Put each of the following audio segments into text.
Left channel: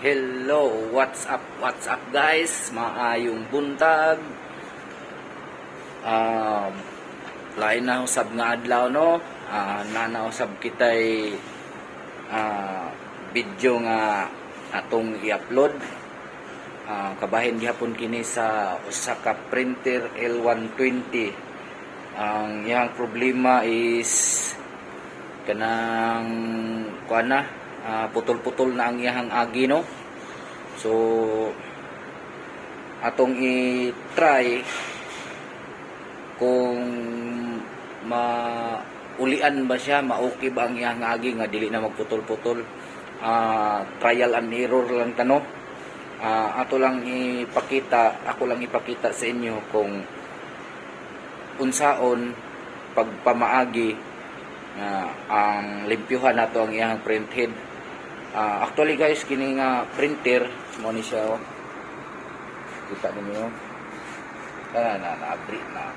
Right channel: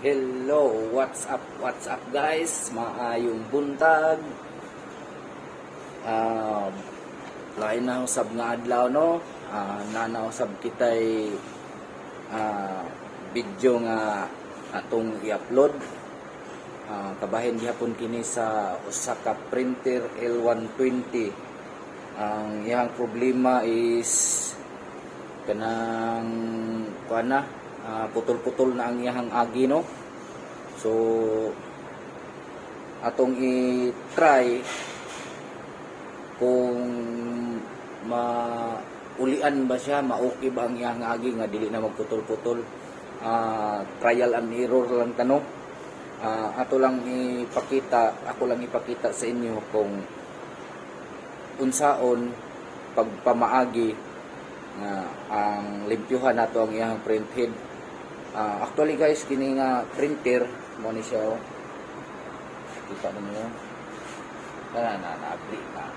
Hello, what's up guys? Maayong buntag. Lain na usab nga adlaw no. Nanausab kitay video nga atong i-upload. Kabahin gihapon kini sa usa ka printer L120. Ang iyang problema is kanang kuana putol-putol na ang iyang agi no. So atong i-try kung maulian ba siya, ma-okay ba ang iyang agi nga dili na magputol-putol. Trial and error lang tano. Ako lang ipakita sa inyo kung unsaon pagpamaagi ang limpyuhan nato ang iyang print head. Actually guys, kini nga printer mo ni siya oh. Kita niyo na-abri na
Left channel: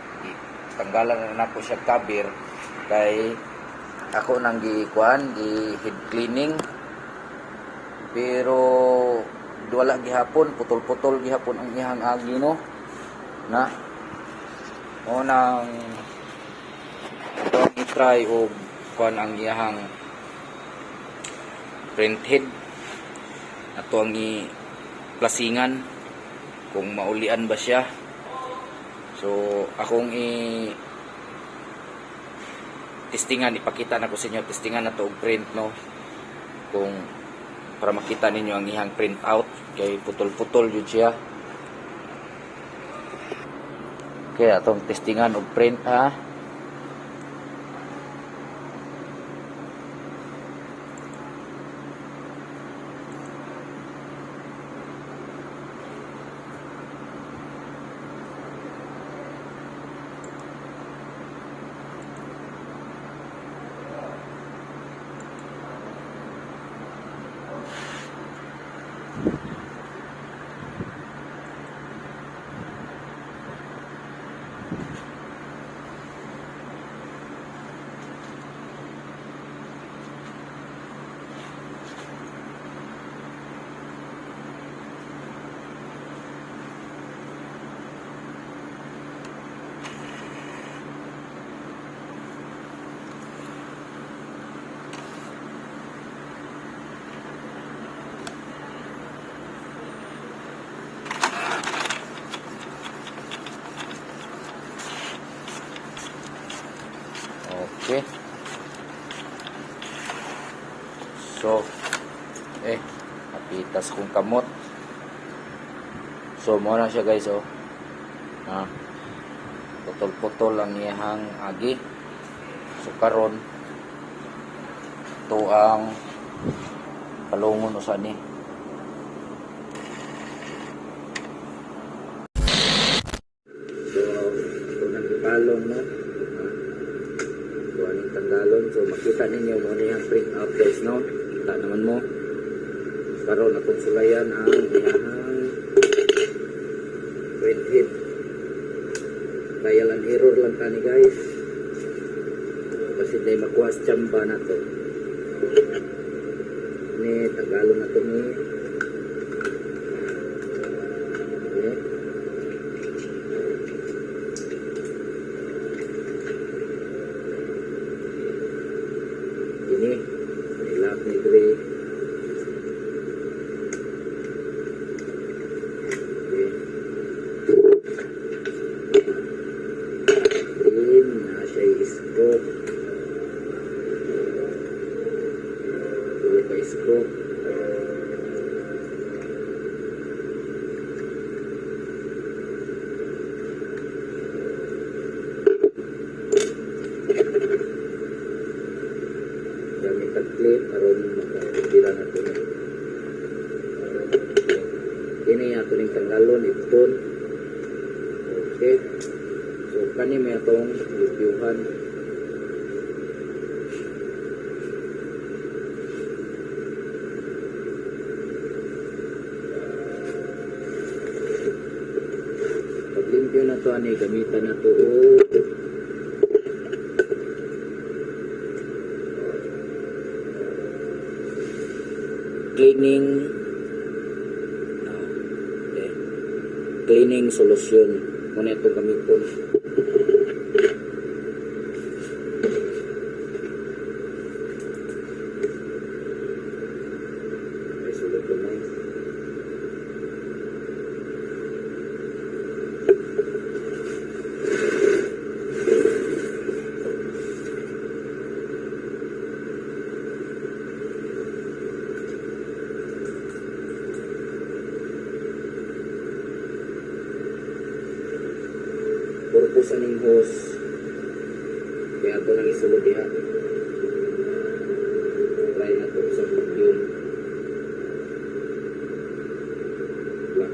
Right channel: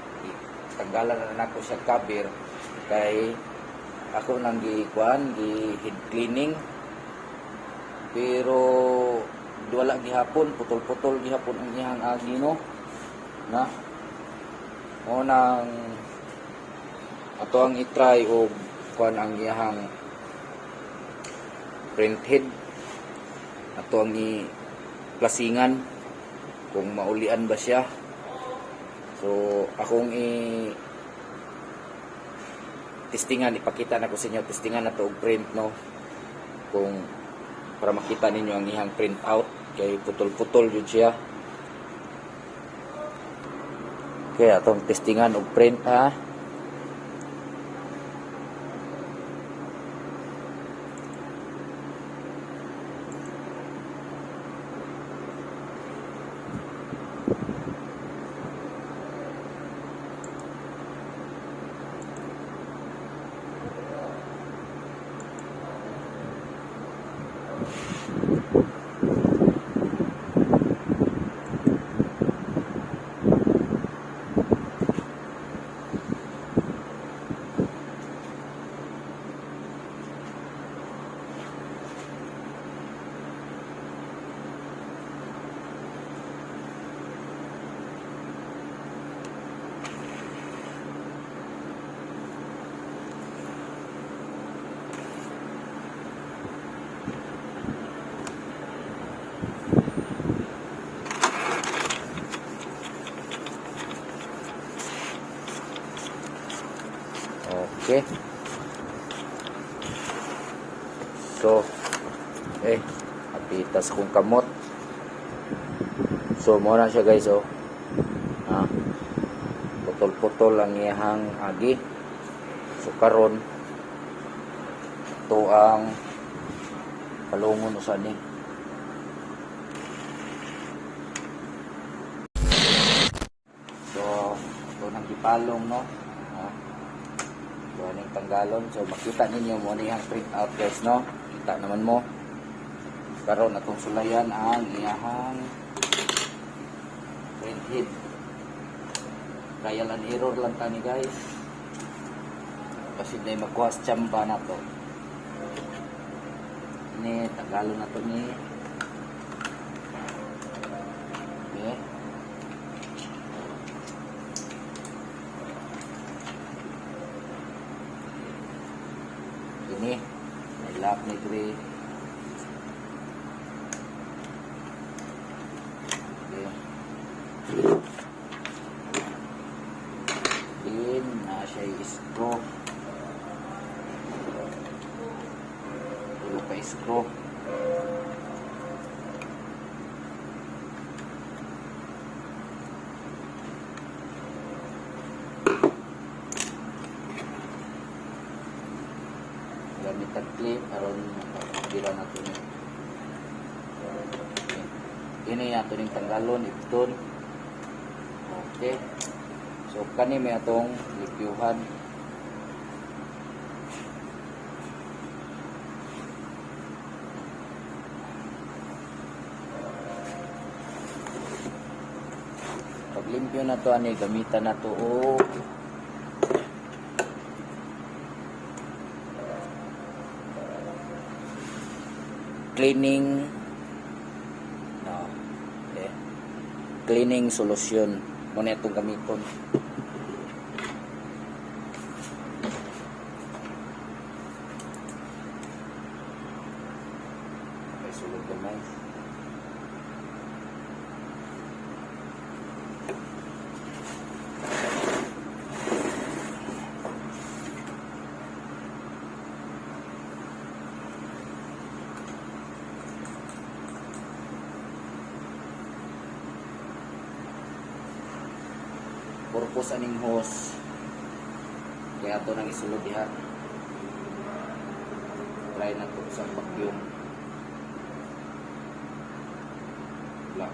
tanggalan na nako siya cover kay ako nang head cleaning, pero wala gihapon, putol-putol gihapon ang iyang agi no na o nang ato ang i-try og kuan ang iyang print head. Ato ang i-plasingan kung maulian ba siya. So akong testingan, ipakita na ko sa inyo, testingan na to og print no, kung para makita ninyo ang iyang print out kay putol-putol jud siya. Okay, atong testingan og print ha. Okay. So, napitas kong kamot. So, muna siya guys, oh. Putol-putol ang iyang agi. So, karon ito ang palungon usa ni. So, ito nang ipalong, no? Tanggalon. So makita ninyo mo niyang print out guys no. Kita naman mo karon atong sulayan ang iyang print head. Trial and error lang tani guys, kasi day magkuha sa tsamba na to ni tanggalon na to ni. Okay. Ini nilap ni gray. Okay. Green na siya i-screw. Tulo ka i-screw. Clip aron bila natin ini ato ning tanggalon ipton. Okay, so kani may atong limpyuhan. Pag limpyo na to ani gamitan na to og cleaning cleaning solution. Muna itong gamiton. May sulod ko na. Purpose aning hose kaya ito nang isulod diha. Try na ito sa vacuum black.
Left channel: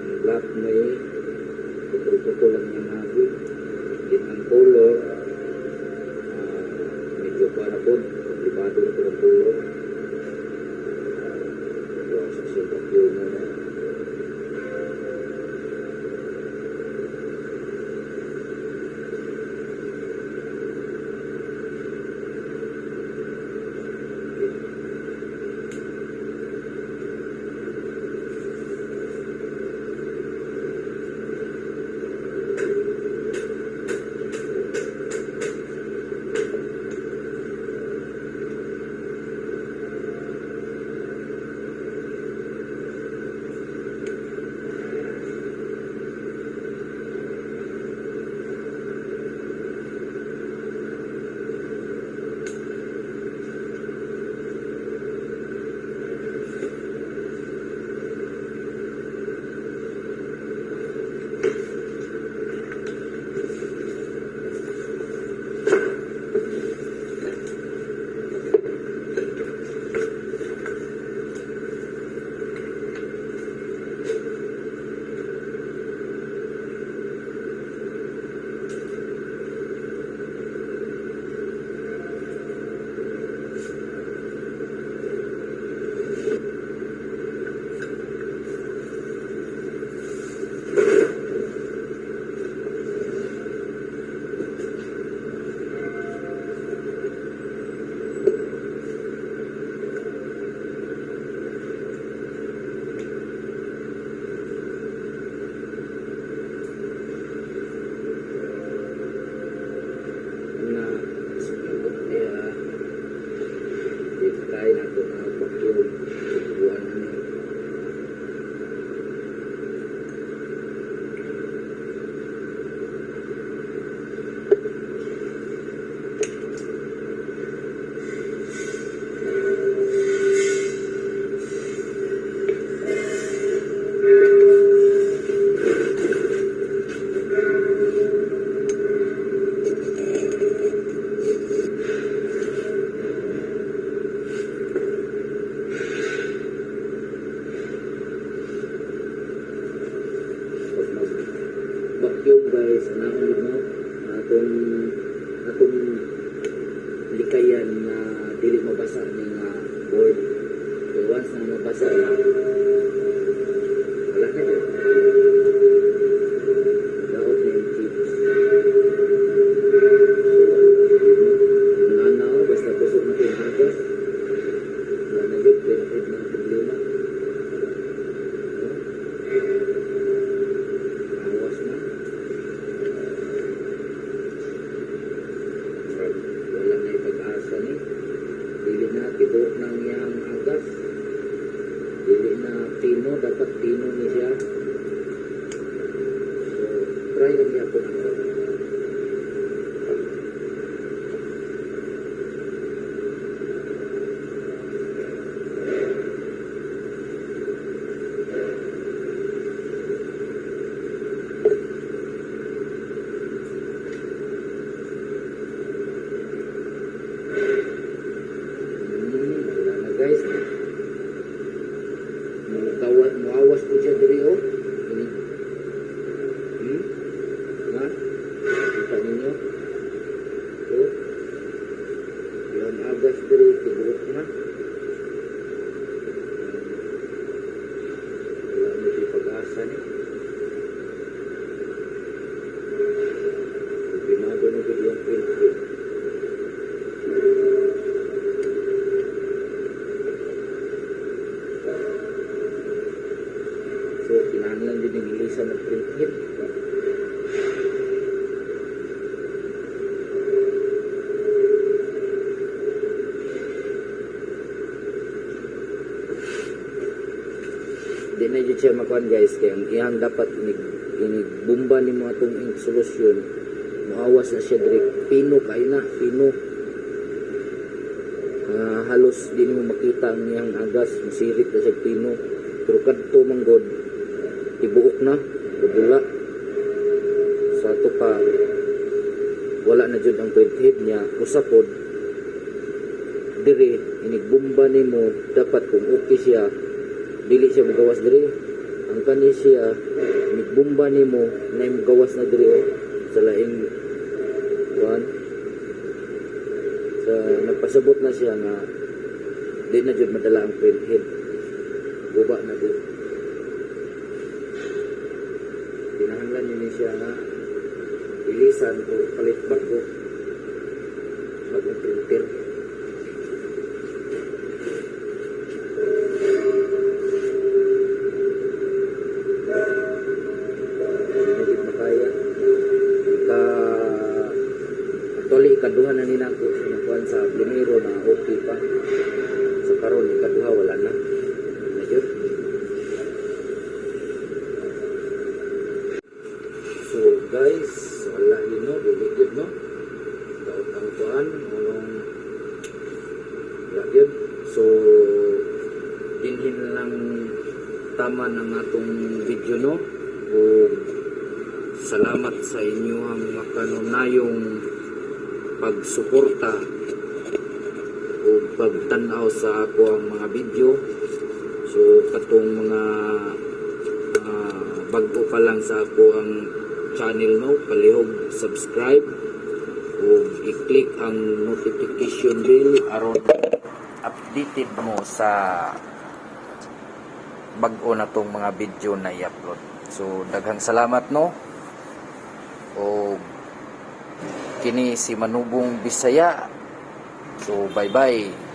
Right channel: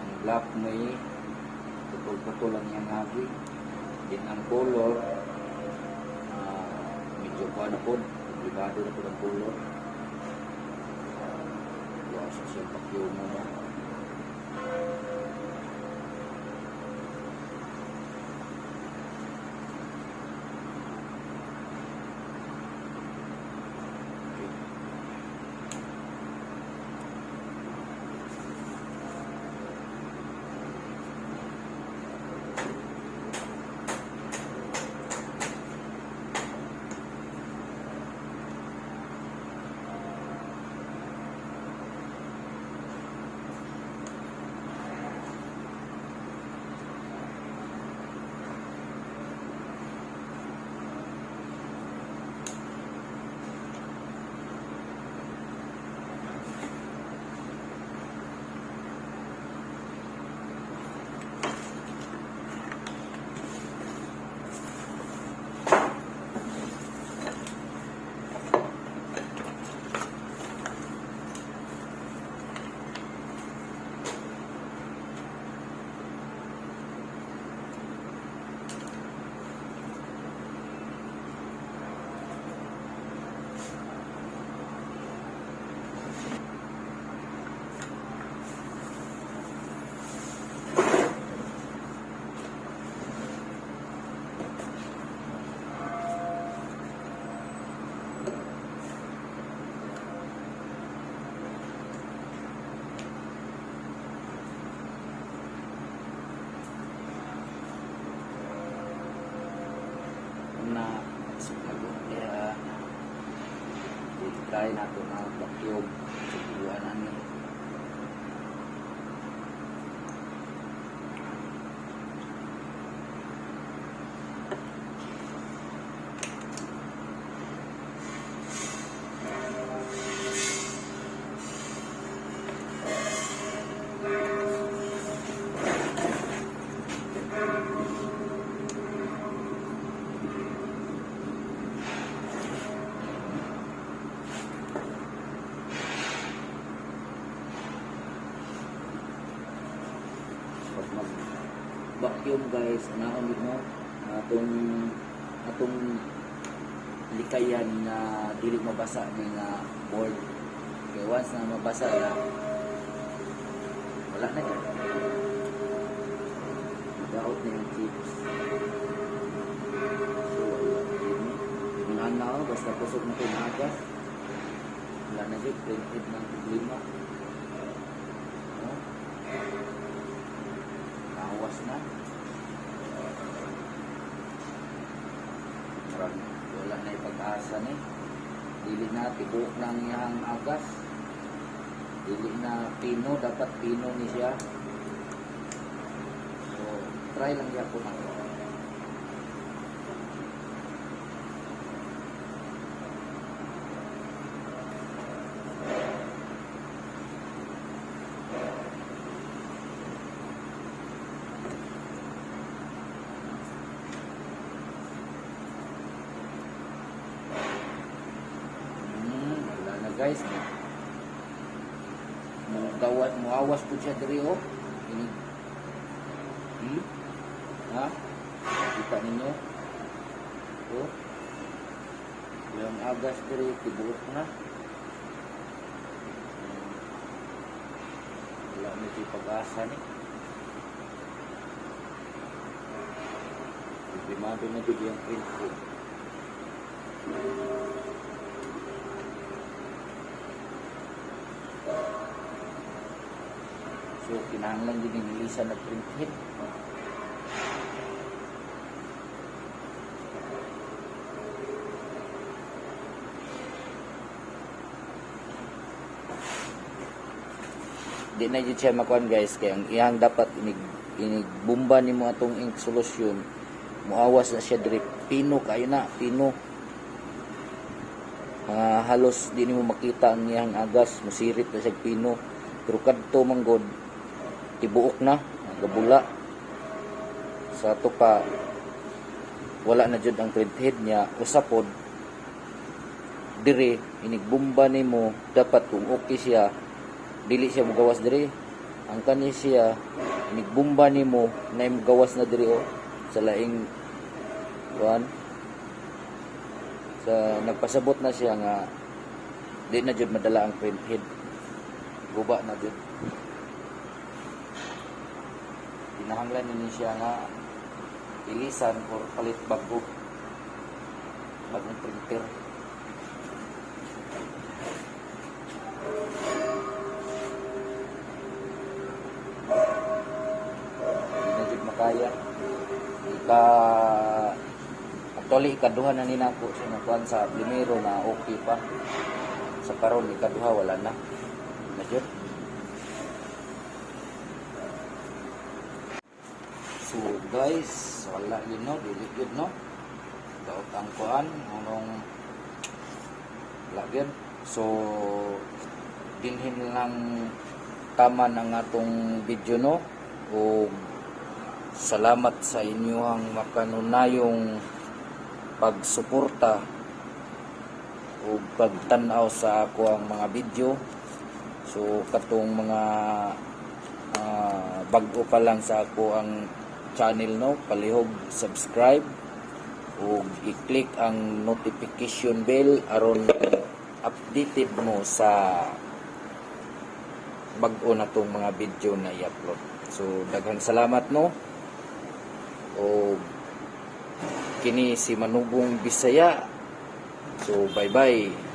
Ang black may putol-putol lang yung nabi. Din ang color medyo paano po komplikado na po ng color. Ito ang sa vacuum na. Try na ito ang vacuum. Tutubuan namin. Vacuum guys, naon mo atong likayan na dili mabasa ni nga board. Okay, once na mabasa na wala na yun. Daot na yung chips. So, nanaw, basta kusog na yung agas. Wala na yun, pinipid ng problema. Awas na. Wala na yung pag-asa ni. Dili na tibuok ng iyang agas. Dili na pino, dapat pino ni siya. So, try lang niya po na ito. Wala na guys. Muawas po siya diri oh. Ha? Kita ninyo? Oh. Yung agas diri tibuok na. Wala mo di pag-asa ni. Pagimado na dito yung info. So, kinahanglan din yung ilisan ng printhead. Di na yun siya makuhan guys, kaya ang iyang dapat inigbumba ni mo atong ink solution, muawas na siya diri, pino kayo na, pino. Halos di mo makita ang iyang agas, musirit na siya pino, pero kadto manggod ibuok na, gabula sa ato ka, wala na jud ang printhead niya, usapod diri, inigbumba ni mo, dapat kung okay siya, dili siya magawas diri. Ang kani siya nigbumba nimo na magawas na diri sa laing kuan, sa nagpasabot na siya nga di na jud madala ang printhead, guba na jud. Kinahanglan ni siya nga ilisan o palit bagong printer. Actually, ikaduha na nila ako sa nakuhan sa primero na okay pa. Sa karon ikaduha, wala na. Medyo. So guys, wala yun no, diligid no. Daot ang kuhan, mulong lagyan. So, dinhin lang tama ng atong video no. O salamat sa inyo ang makanunayong pagsuporta o pagtanaw sa ako ang mga video. So katong mga bago pa lang sa ako ang channel no, palihog subscribe o i-click ang notification bell aron updated mo sa bago na tong mga video na i-upload. So daghang salamat no. O kini si Manubong Bisaya. So bye bye.